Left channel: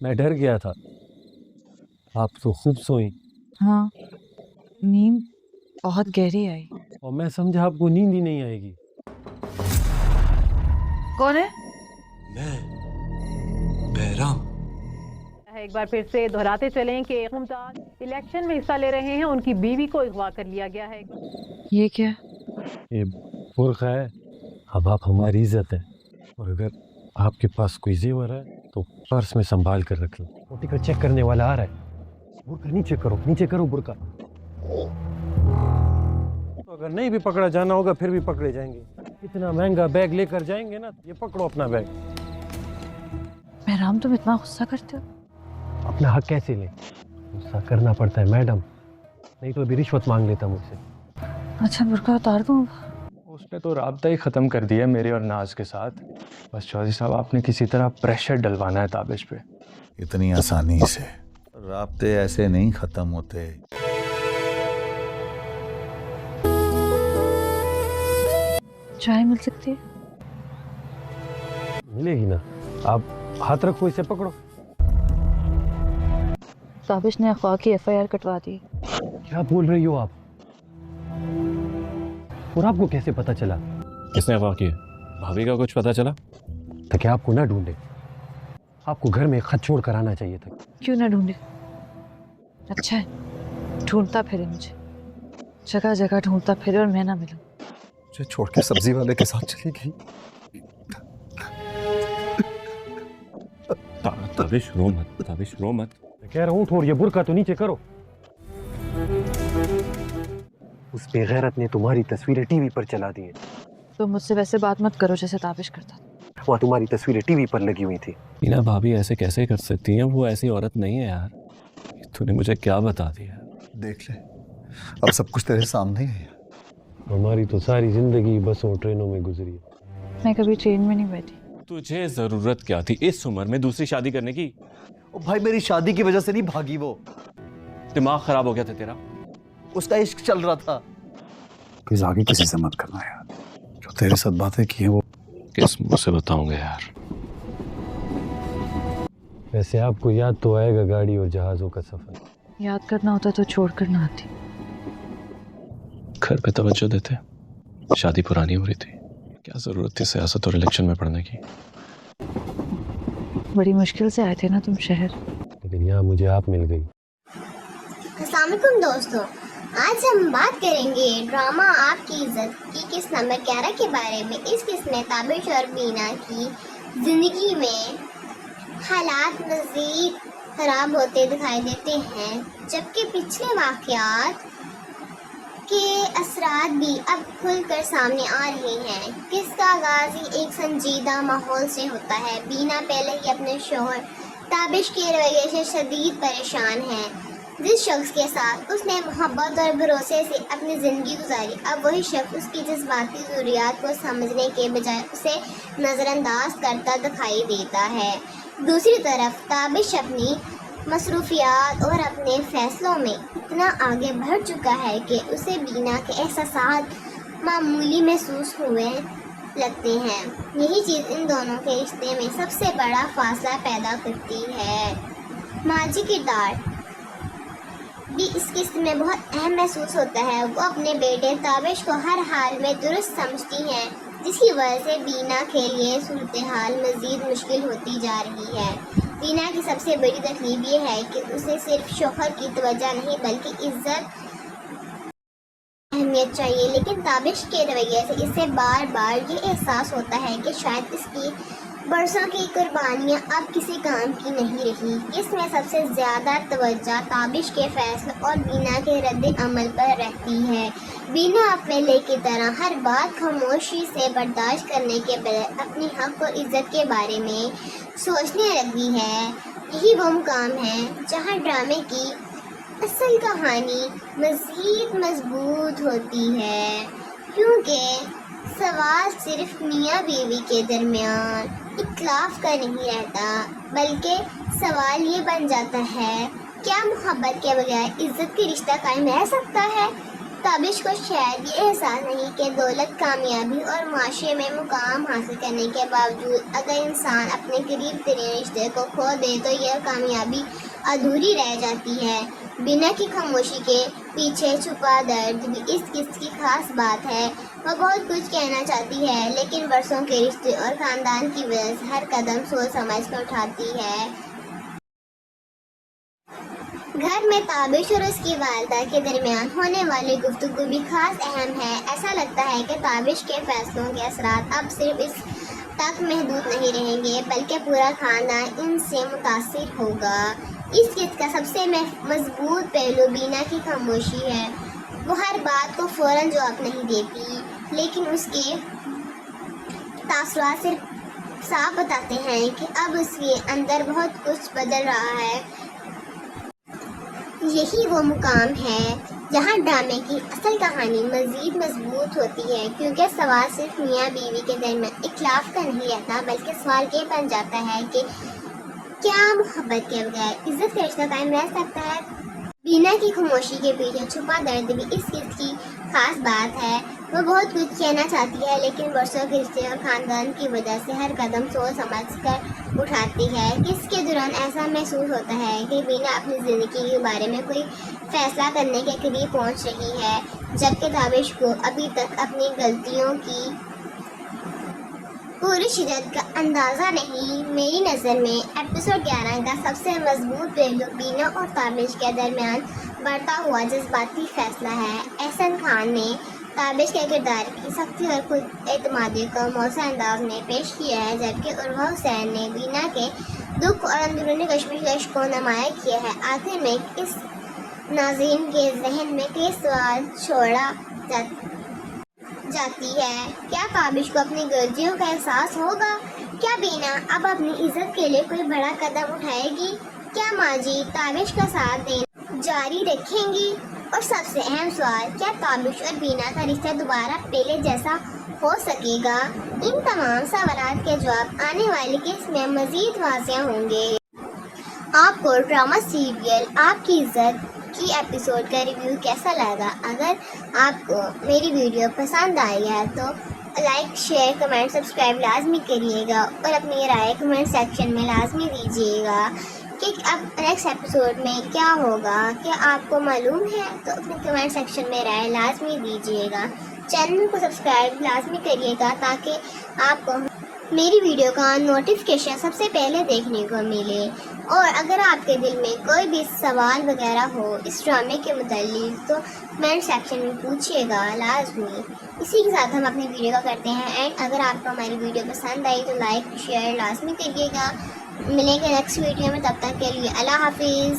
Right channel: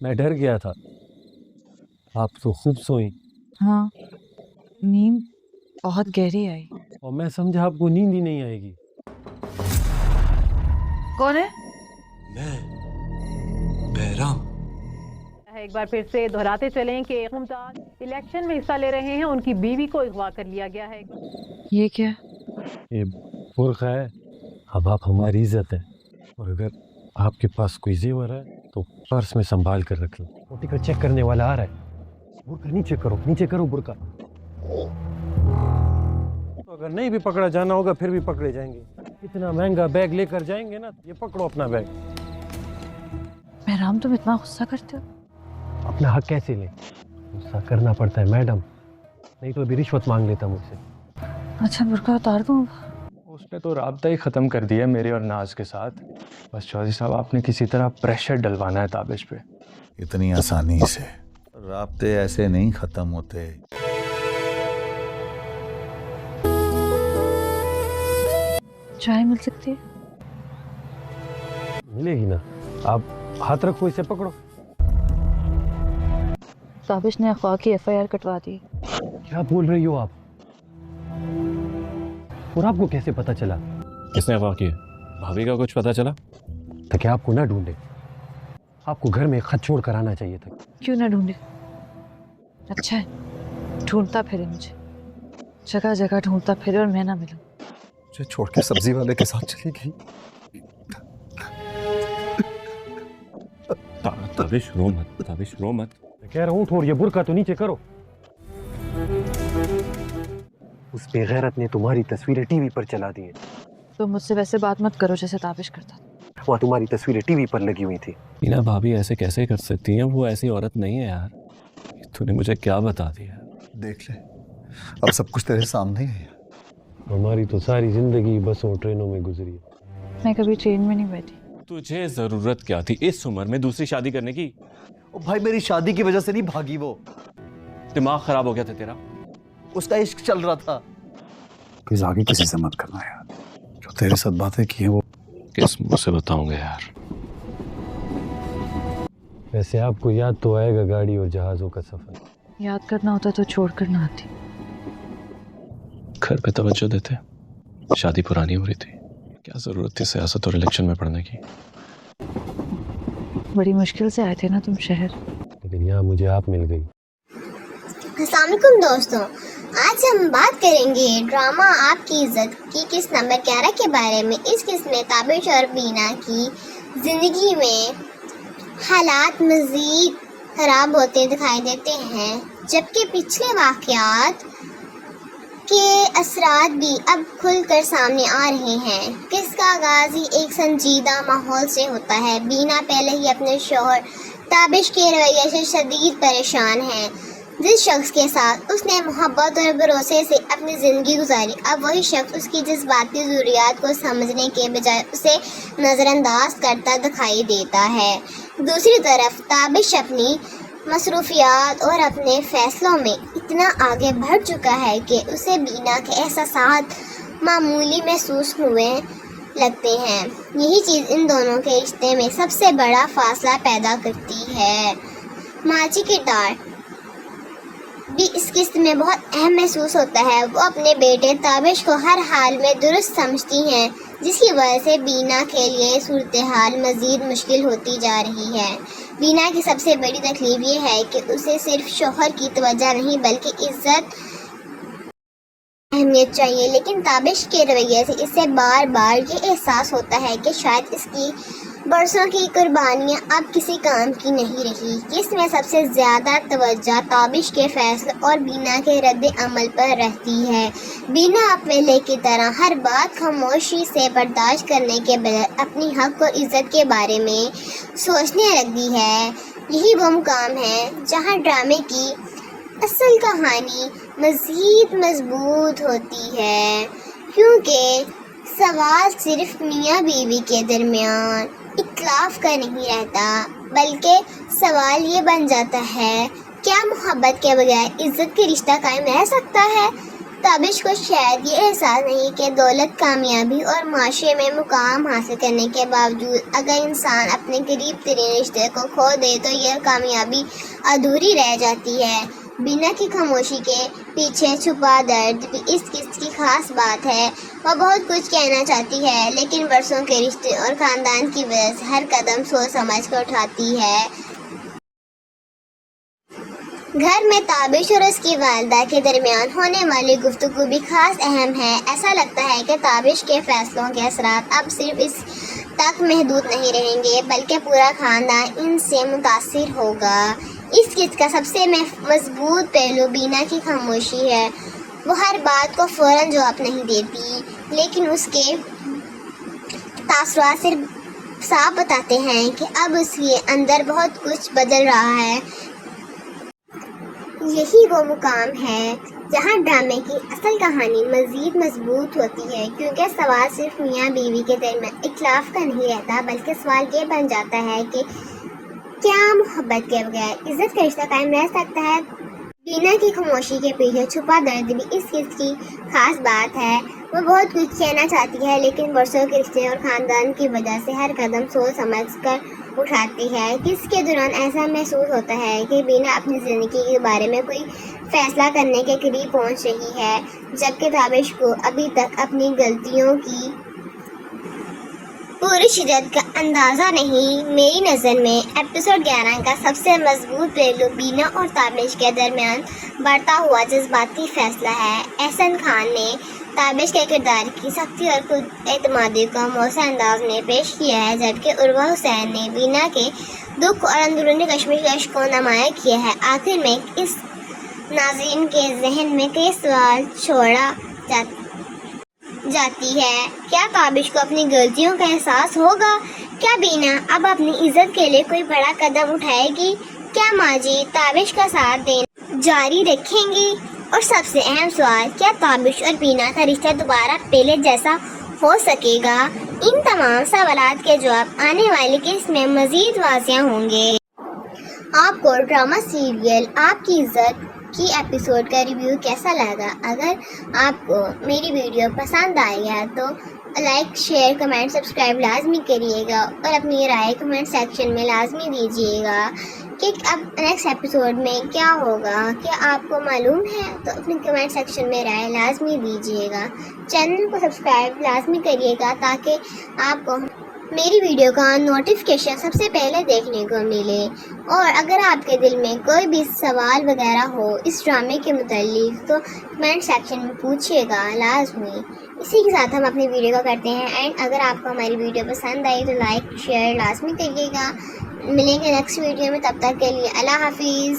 मैं डर गया था। आप तो खूब सोई हाँ, नींद बहुत गहरी आई। और मैं समझा आपको नींद ही नहीं आएगी। कौन है? मैं बहराम। एक बार फिर से दोहराते चलें कि मुमताज इलेक्शन में हिस्सा ले रहे हैं, उनकी बीवी को अगवा कर लिया गया है। ये क्या? ये बुर्का है। अब आप हमारी इज्जत है, और अगर आपके पास कोई जेवर है तो पर्स में संभाल कर रख लो। वो टिकट चेक करने वाला आ रहा है। बुर्का नीचे करो बुर्का। तो अगर नहीं भी पकड़ा जाना होगा फिर भी पकड़े जाएंगे। इतना महंगा बैग लेकर जाएंगे ना, ये पकड़ो अपना बैग। बहराम, तुम इतना गुस्सा करते हो? अपना हक कैसे ले? गुस्सा करना पड़ता है मैडम, नहीं तो अभी रिश्वत मांग लेता मुझसे। अच्छा, बुर्का उतार दूँ? उसने तो राब्ता ही ख़त्म कर दिया मेरे और नाज के साथ। बस चौधरी साहब, आपने किसी तरह प्रेशर डलवाना है ताबिश पे। इतनी आसानी से राब्ते ऐसे नहीं ख़त्म होते। चाय मिल सकती है? मिलेगी ना। आप हाथ रखो, इसे पकड़ो। ताबिश ने अगवा की FIR कटवा दी। क्या बोल रही हो आप? और आपको कैसे पता चला? किसने अगवा किया? भाभी का कुछ पता चला? ताकि आपको ना ढूंढे। आपको घर में खत छोड़ कर आना चाहिए था। क्यों ना ढूंढे? अच्छा है, ढूंढता फिरे मुझे, जगह जगह ढूंढता फिरे और मैं ना मिलूं। मुझे छोड़ के सब्जी वाले के साथ चली गई। ताबिश रो मत, ताबिश रो मत। मैं कह रहा हूँ उठो, ये बुर्का तो नीचे करो। उस बेगैरत ने तुम्हारी तस्वीरें टीवी पर चला दी हैं। तो मुझसे वैसे बात मत करो जैसे ताबिश करता। वहाँ तुम्हारी तस्वीरें टीवी पर लगी हुई थी। मीना भाभी ऐसे कैसे कर सकती हैं? वो ऐसी औरत नहीं है यार। तूने मुझे क्या बता दिया? देख ले, अब सब कुछ तेरे सामने ही है। हमारी तो सारी जिंदगी बसों ट्रेनों में गुजरी है। मैं कभी ट्रेन में नहीं बैठी। तुझे जरूरत क्या थी इस उम्र में दूसरी शादी करने की? ओ भाई, मेरी शादी की वजह से नहीं भागी वो। दिमाग खराब हो गया था तेरा? उसका इश्क चल रहा था। प्लीज आगे किसी से मत करना यार। जो तेरे साथ बातें की है वो किस मुंह से बताऊंगा यार? वैसे आपको याद तो आएगा गाड़ी और जहाज़ों का सफर। याद करना होता तो छोड़ कर ना आती। घर पे तवज्जो देते, शादी पुरानी हो रही थी, क्या जरूरत थी सियासत और इलेक्शन में पढ़ने की? बड़ी मुश्किल से आए थे ना तुम शहर। लेकिन यहाँ मुझे आप मिल गई। अस्सलाम वालेकुम दोस्तों, आज हम बात करेंगे ड्रामा आपकी इज्जत की किस्त नंबर 11 के बारे में। इस किस्त में ताबिश और बीना की ज़िंदगी में हालात मज़ीद ख़राब होते दिखाई देते हैं, जबकि पिछले वाक़यात के असरात भी अब खुलकर सामने आ रहे हैं। किस्त का आगाज़ ही एक संजीदा माहौल से होता है। बीना पहले ही अपने शौहर ताबिश के रवैये से शदीद परेशान है। जिस शख्स के साथ उसने मोहब्बत और भरोसे से अपनी ज़िंदगी गुजारी, अब वही शख्स उसकी जज्बाती ज़रूरियात को समझने के बजाय उसे नज़रअंदाज करता दिखाई देता है। दूसरी तरफ ताबिश अपनी मसरूफियात और अपने फ़ैसलों में इतना आगे बढ़ चुका है कि उसे बीना के एहसासात मामूली महसूस हुए लगते हैं। यही चीज़ इन दोनों के रिश्ते में सबसे बड़ा फासला पैदा करती है। माजी किरदार भी इस किस्त में बहुत अहम महसूस होता है। वो अपने बेटे ताबिश को हर हाल में दुरुस्त समझती हैं, जिसकी वजह से बीना के लिए सूरत हाल मज़ीद मुश्किल होती जा रही है। बीना की सबसे बड़ी तकलीफ ये है कि उसे सिर्फ शौहर की तवज्जो नहीं बल्कि इज़्ज़त अहमियत चाहिए, लेकिन ताबिश के रवैये से इसे बार बार ये एहसास होता है कि शायद इसकी बरसों की कुर्बानियाँ अब किसी काम की नहीं रही। इसमें सबसे ज़्यादा तवज्जो ताबिश के फैसले और बीना के रद्द अमल पर रहती है। बीना पहले की तरह हर बात खामोशी से बर्दाश्त करने के बजाय अपनी हक और इज़्ज़त के बारे में सोचने लगती है। यही वो मुकाम है जहाँ ड्रामे की असल कहानी मज़ीद मजबूत होती है, क्योंकि सवाल सिर्फ मियाँ बीवी के दरमियान इख्तिलाफ का नहीं रहता, बल्कि सवाल ये बन जाता है, क्या मोहब्बत के बजाय इज़्ज़त का रिश्ता कायम रह सकता है? ताबिश को शायद ये एहसास नहीं कि दौलत, कामयाबी और माशरे में मुकाम हासिल करने के बावजूद अगर इंसान अपने करीब तरीन रिश्ते को खो दे तो यह कामयाबी अधूरी रह जाती है। बीना की खामोशी के पीछे छुपा दर्द भी इस किस्त की खास बात है। वह बहुत कुछ कहना चाहती है, लेकिन वर्षों के रिश्ते और खानदान की वजह से हर कदम सोच समझ कर उठाती है। घर में ताबिश और उसकी वालिदा के दरमियान होने वाली गुफ्तगू भी खास अहम है। ऐसा लगता है कि ताबिश के फैसलों के असरात अब सिर्फ इस तक महदूद नहीं रहेंगे, बल्कि पूरा खानदान इनसे मुतासिर होगा। इस किस्त का सबसे मजबूत पहलू बीना की खामोशी है। वो हर बात को फौरन जवाब नहीं देती, लेकिन उसके तासुरात सिर्फ साफ बताते हैं कि अब उसके अंदर बहुत कुछ बदल रहा है। यही वो मुकाम है जहाँ ड्रामे की असल कहानी मज़ीद मजबूत होती है, क्योंकि सवाल सिर्फ मियाँ बीवी के दरमियान इख्लाफ का नहीं रहता, बल्कि सवाल ये बन जाता है कि क्या मोहब्बत के बगैर इज्जत का रिश्ता कायम रह सकता है। बीना की खामोशी के पीछे छुपा दर्द भी इस किस्त की खास बात है। वो बहुत कुछ कहना चाहती है, लेकिन वर्षों के रिश्ते और ख़ानदान की वजह से हर कदम सोच समझ कर उठाती है। किस्त के दौरान ऐसा महसूस होता है कि बीना अपनी ज़िंदगी के बारे में कोई फ़ैसला करने के करीब पहुंच रही है, जबकि ताबिश को अभी तक अपनी गलतियों की पूरी शिद्दत का अंदाज़ा नहीं। मेरी नज़र में एपिसोड 11 का सबसे मजबूत पहलू बीना और ताबिश के दरमियान बढ़ता हुआ जज्बाती फैसला है। एहसन खान ने ताबिश के किरदार की सख्ती और खुद एतमादी को मौसम अंदाज में पेश किया है, जबकि उर्वा हुसैन ने बीना के दुख और अंदरूनी कश्मकश को नुमाया किया है। आखिर में इस नाज़रीन के जहन में कई सवाल छोड़ा जाती है। क्या ताबिश को अपनी गलतियों का एहसास होगा? क्या बीना अब अपनी इज्जत के लिए कोई बड़ा कदम उठाएगी? क्या माजी ताबिश का साथ देना जारी रखेंगी? और सबसे अहम सवाल, क्या ताबिश और बीना का रिश्ता दोबारा पहले जैसा हो सकेगा? इन तमाम सवालात के जवाब आने वाली किस्त में मज़ीद वाज़िह होंगे। आपको ड्रामा सीरियल आपकी इज्जत की एपिसोड का रिव्यू कैसा लगा? अगर आपको मेरी वीडियो पसंद आई है तो लाइक, शेयर, कमेंट, सब्सक्राइब लाजमी करिएगा और अपनी राय कमेंट सेक्शन में लाजमी दीजिएगा कि अब नेक्स्ट एपिसोड में क्या होगा। क्या आपको मालूम है? तो अपने कमेंट सेक्शन में राय लाजमी दीजिएगा। चैनल को सब्सक्राइब लाजमी करिएगा ताकि आपको मेरी वीडियो का नोटिफिकेशन सबसे पहले देखने को मिले। और अगर आपके दिल में कोई भी सवाल वगैरह हो इस ड्रामे के मुताल्लिक तो कमेंट सेक्शन में पूछिएगा लाजमी। इसी के साथ हम अपनी वीडियो को करते हैं एंड अगर आपको हमारी वीडियो पसंद आई तो लाइक शेयर लाजमी करिएगा। मिलेंगे नेक्स्ट वीडियो में, तब तक के लिए अल्लाह हाफिज़।